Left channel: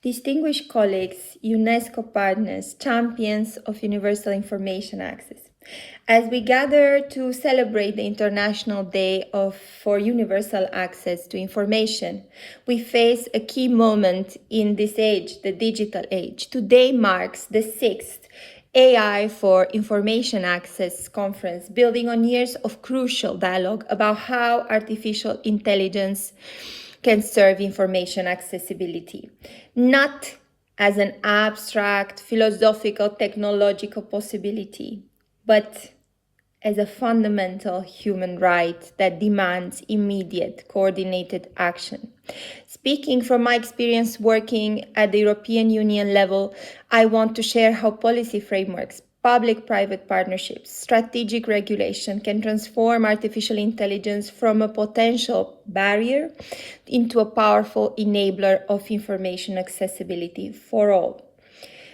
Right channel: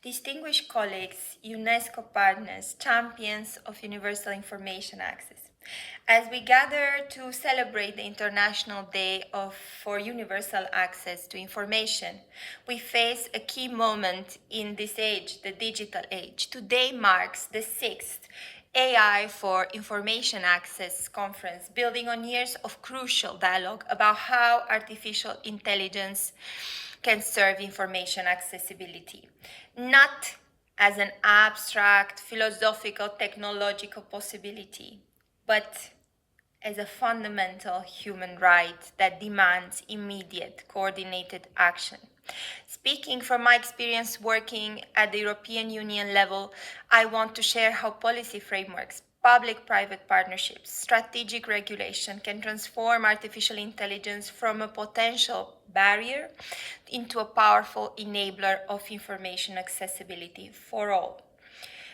Distinguished colleagues, UNESCO partners, champions of universal information access. As we gather to celebrate the International Day for Universal Access to Information, we face a key moment in this age, the digital age. Today marks the 6th AI for Information Access conference, building on years of crucial dialogue about how artificial intelligence can serve information accessibility, not as an abstract, philosophical, technological possibility, but as a fundamental human right that demands immediate, coordinated action. Speaking from my experience working at the European Union level, I want to share how policy frameworks, public-private partnerships, strategic regulation can transform artificial intelligence from a potential barrier into a powerful enabler of information accessibility for all.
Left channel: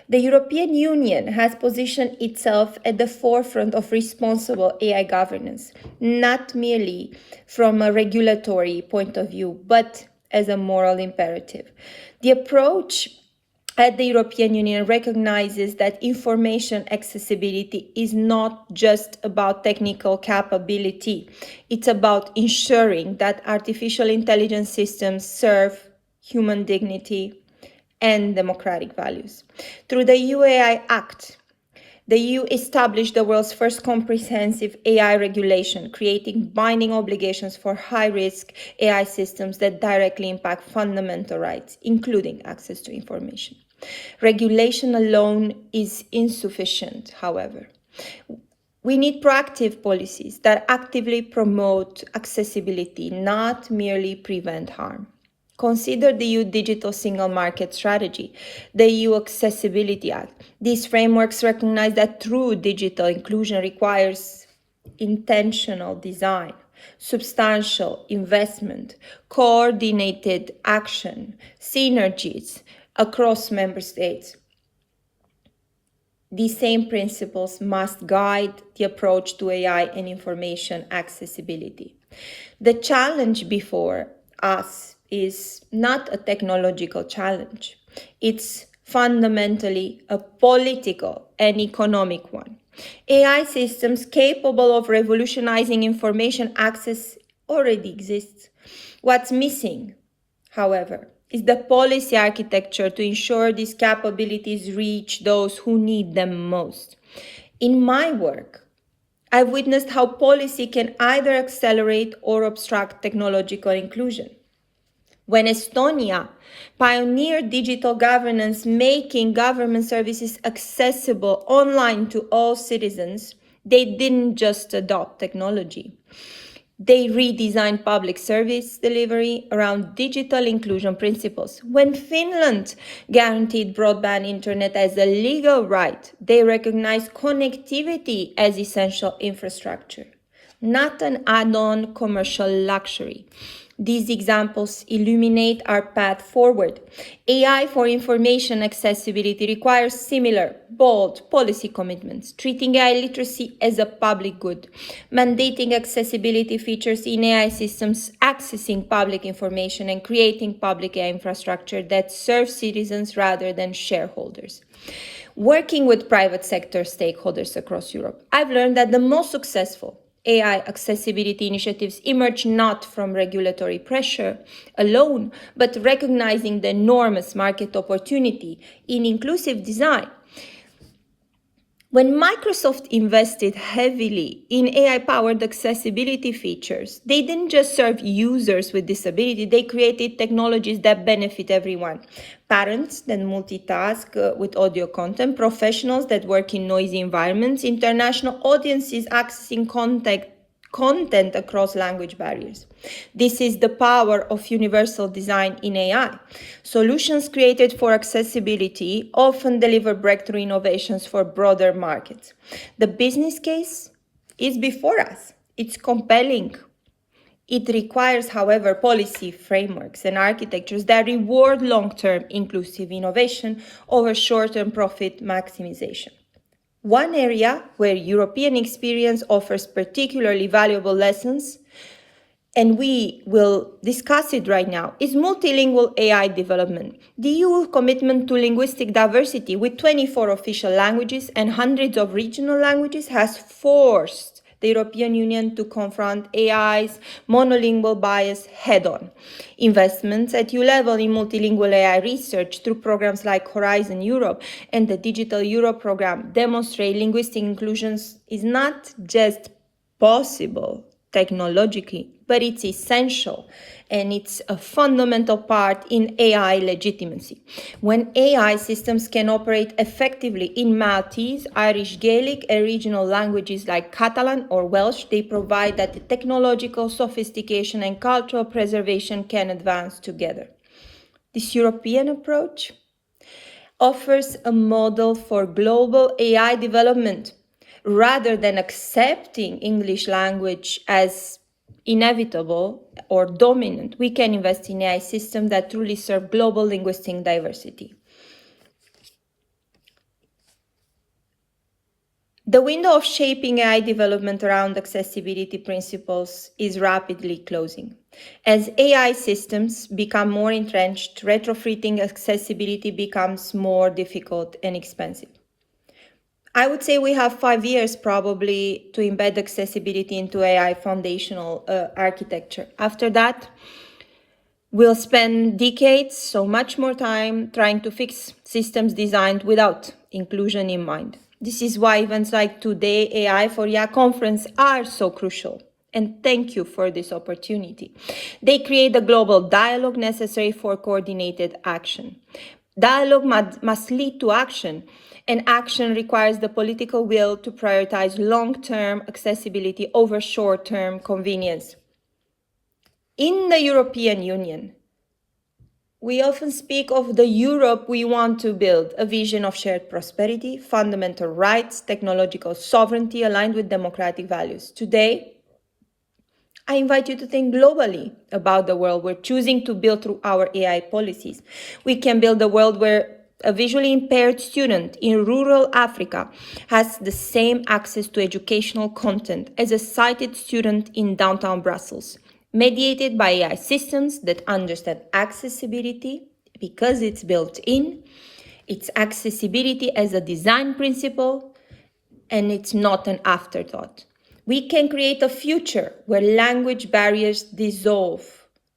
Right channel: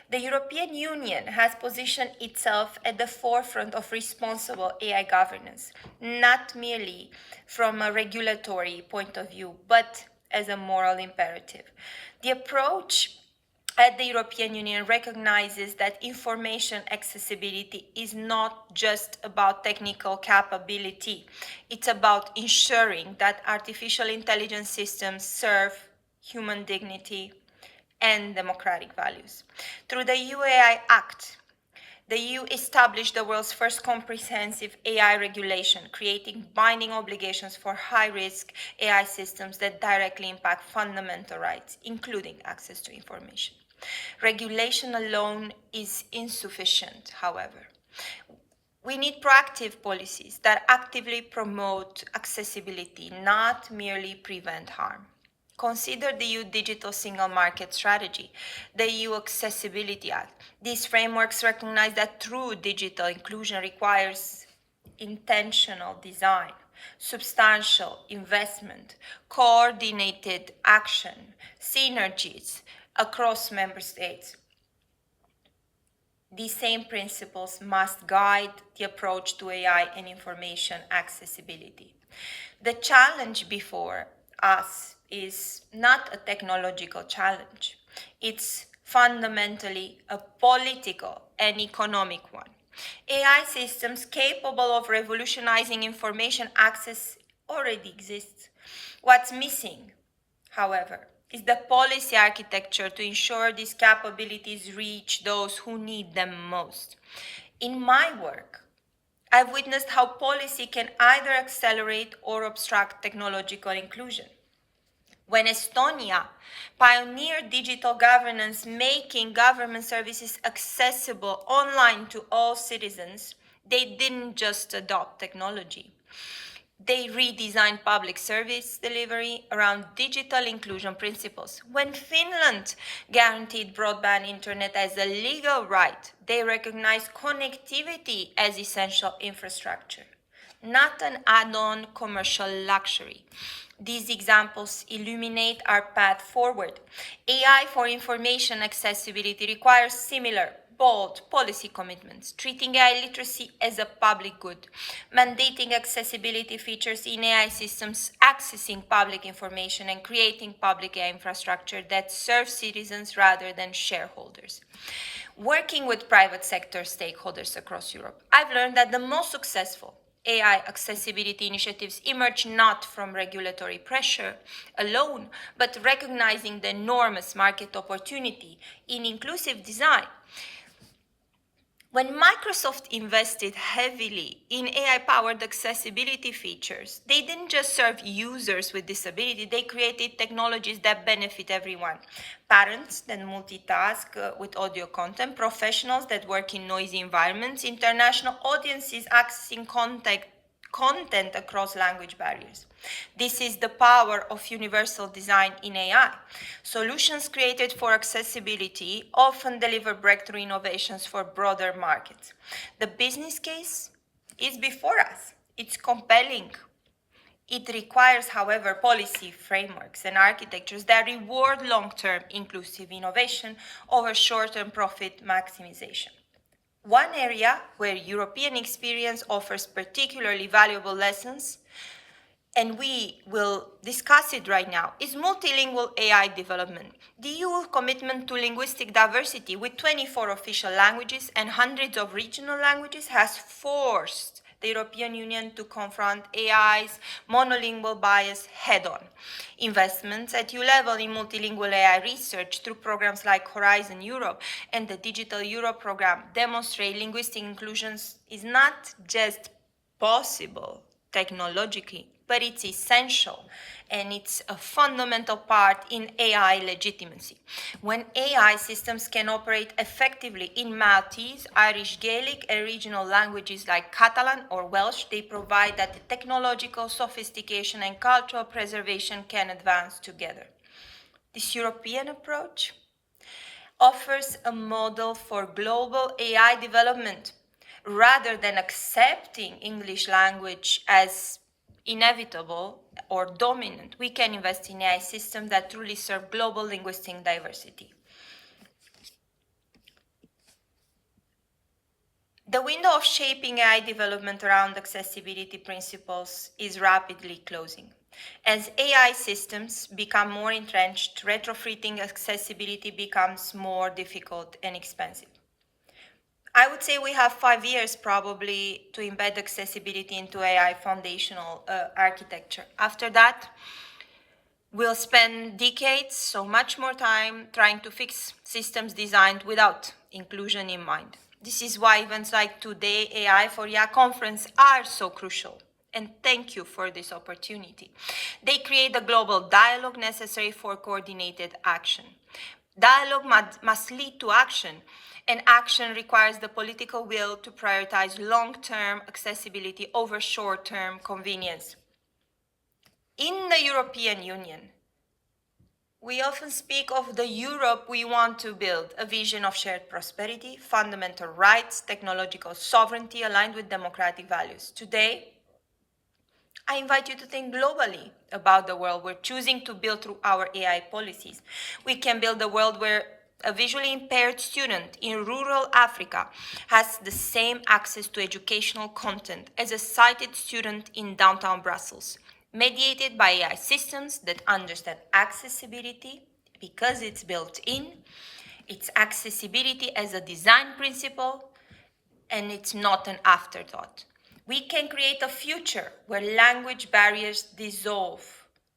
The European Union has positioned itself at the forefront of responsible AI governance, not merely from a regulatory point of view, but as a moral imperative. The approach at the European Union recognizes that information accessibility is not just about technical capability. It's about ensuring that artificial intelligence systems serve human dignity and democratic values. Through the EU AI Act, the EU established the world's first comprehensive AI regulation, creating binding obligations for high-risk AI systems that directly impact fundamental rights, including access to information. Regulation alone is insufficient, however. We need proactive policies that actively promote accessibility, not merely prevent harm. Consider the EU Digital Single Market Strategy, the EU Accessibility Act. These frameworks recognize that true digital inclusion requires intentional design, substantial investment, coordinated action, synergies across member states. These same principles must guide the approach to AI and information accessibility. The challenge before us is not a technological challenge. It's fundamentally a political and economic one. AI systems capable of revolutionizing information access already exist. What's missing, however, is the policy architecture to ensure these capabilities reach those who need them most. In my work, I've witnessed how policy can either accelerate or obstruct technological inclusion. When Estonia pioneered digital governance, making government services accessible online to all citizens, they didn't just adopt technology. They redesigned public service delivery around digital inclusion principles. When Finland guaranteed broadband internet as a legal right, they recognized connectivity as essential infrastructure, not an add-on commercial luxury. These examples illuminate our path forward. AI for information accessibility requires similar, bold policy commitments, treating AI literacy as a public good, mandating accessibility features in AI systems, accessing public information, and creating public AI infrastructure that serves citizens rather than shareholders. Working with private sector stakeholders across Europe, I've learned that the most successful AI accessibility initiatives emerge not from regulatory pressure alone, but recognizing the enormous market opportunity in inclusive design. When Microsoft invested heavily in AI-powered accessibility features, they didn't just serve users with disability, they created technologies that benefit everyone. Parents that multitask with audio content, professionals that work in noisy environments, international audiences accessing content across language barriers. This is the power of universal design in AI. Solutions created for accessibility often deliver breakthrough innovations for broader markets. The business case is before us. It's compelling. It requires, however, policy frameworks and architectures that reward long-term inclusive innovation over short-term profit maximization. One area where European experience offers particularly valuable lessons and we will discuss it right now, is multilingual AI development. The EU commitment to linguistic diversity with 24 official languages and hundreds of regional languages has forced the European Union to confront AI's monolingual bias head-on. Investments at EU level in multilingual AI research through programs like Horizon Europe and the Digital Europe program demonstrate linguistic inclusion is not just possible technologically, but it's essential and it's a fundamental part in AI legitimacy. When AI systems can operate effectively in Maltese, Irish Gaelic, and regional languages like Catalan or Welsh, they provide that the technological sophistication and cultural preservation can advance together. This European approach offers a model for global AI development. Rather than accepting English language as inevitable or dominant, we can invest in AI systems that truly serve global linguistic diversity. The window of shaping AI development around accessibility principles is rapidly closing. As AI systems become more entrenched, retrofitting accessibility becomes more difficult and expensive. I would say we have 5 years probably to embed accessibility into AI foundational architecture. After that, we'll spend decades, so much more time trying to fix systems designed without inclusion in mind. This is why events like today, AI for IA conference are so crucial. And thank you for this opportunity. They create the global dialogue necessary for coordinated action. Dialogue must lead to action, and action requires the political will to prioritize long-term accessibility over short-term convenience. In the European Union, we often speak of the Europe we want to build, a vision of shared prosperity, fundamental rights, technological sovereignty aligned with democratic values. Today, I invite you to think globally about the world we're choosing to build through our AI policies. We can build a world where a visually impaired student in rural Africa has the same access to educational content as a sighted student in downtown Brussels, mediated by AI systems that understand accessibility because it's built in, it's accessibility as a design principle, and it's not an afterthought. We can create a future where language barriers dissolve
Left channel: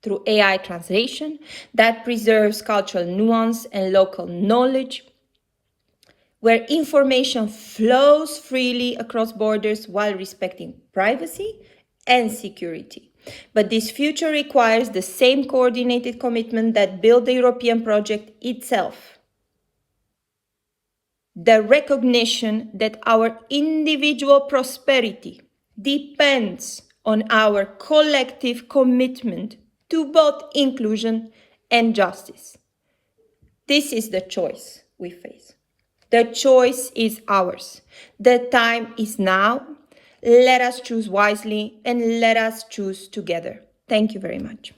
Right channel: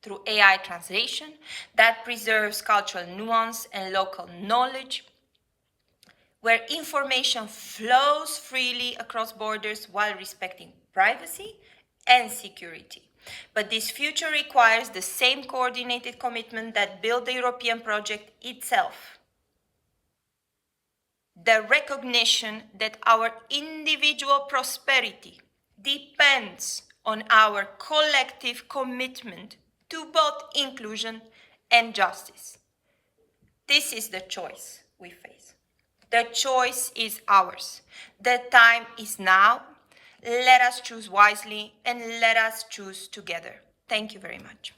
through AI translation that preserves cultural nuance and local knowledge, where information flows freely across borders while respecting privacy and security. But this future requires the same coordinated commitment that built the European project itself. The recognition that our individual prosperity depends on our collective commitment to both inclusion and justice. This is the choice we face. The choice is ours. The time is now. Let us choose wisely and let us choose together. Thank you very much.